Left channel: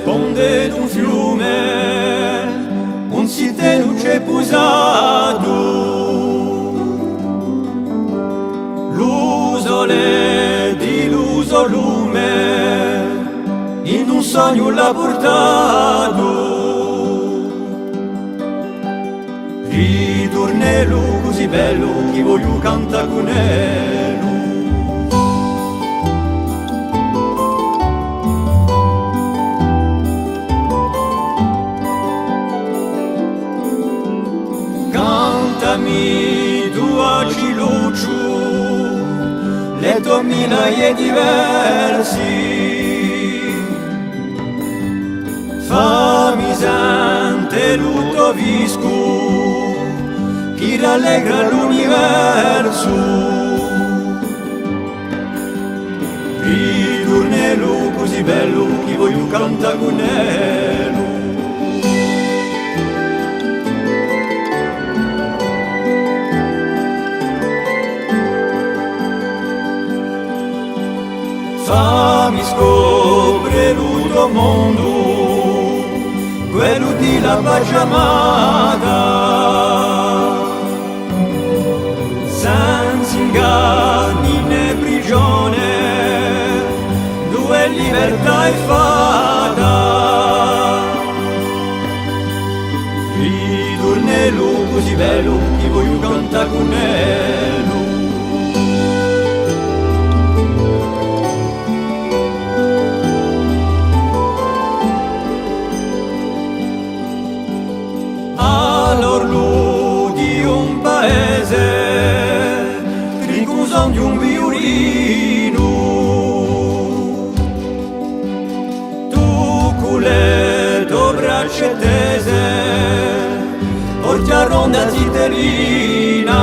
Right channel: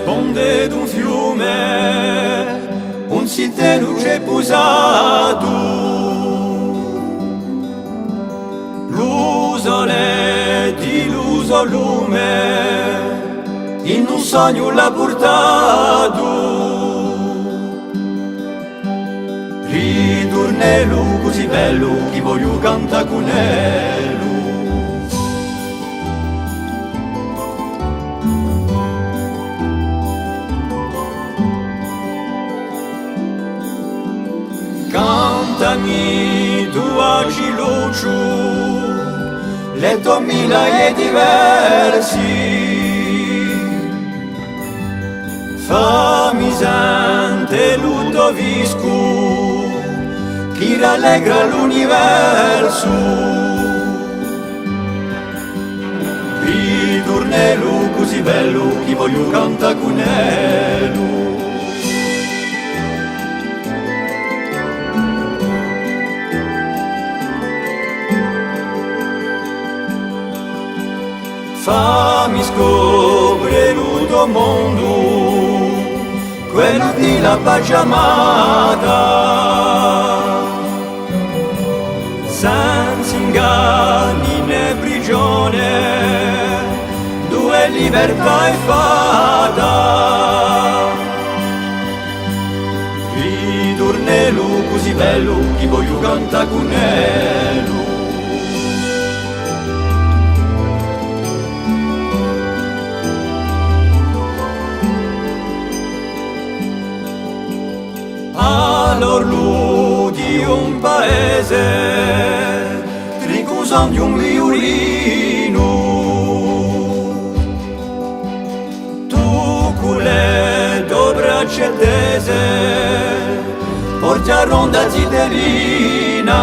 sponde d'un fiume, un sitelo c'è posato. L'usole di l'uso lume, in un sogno l'ha portato. Ritornello così bello, chi voglio canta con elu. Cantami tua cilucciu, le tue mila e diversi, fammi sente l'utto visco, chi rallegra l'universo. Ritornello così bello, chi voglio canta con elu. Fammi scoprire il tuo mondo, quello di la pace amata, senza inganni né prigione, dove libertà è fatta. Ritornello così bello, chi voglio canta con elu. All'orlo di un paese, trincon di un violino, tu con le tue braccia tese, porti a ronda zitterina.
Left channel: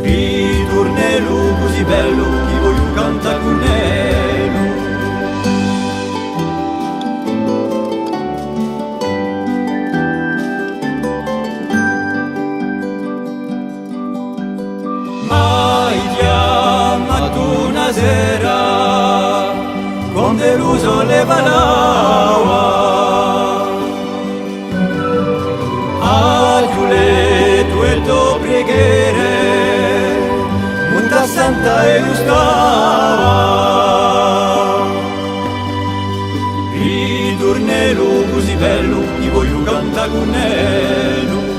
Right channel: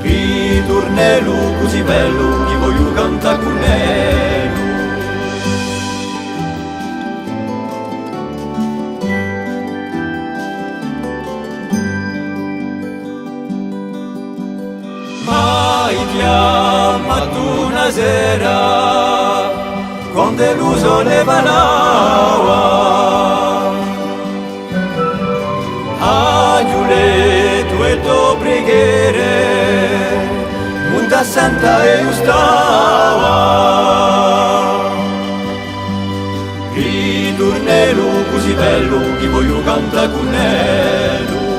Ritornello così bello, chi voglio canta con elu. Mai chiamato una sera, quando l'uso le parlava, agiù le tue preghiere, mutta santa e ustava. Ritornello così bello, chi voglio canta con elu.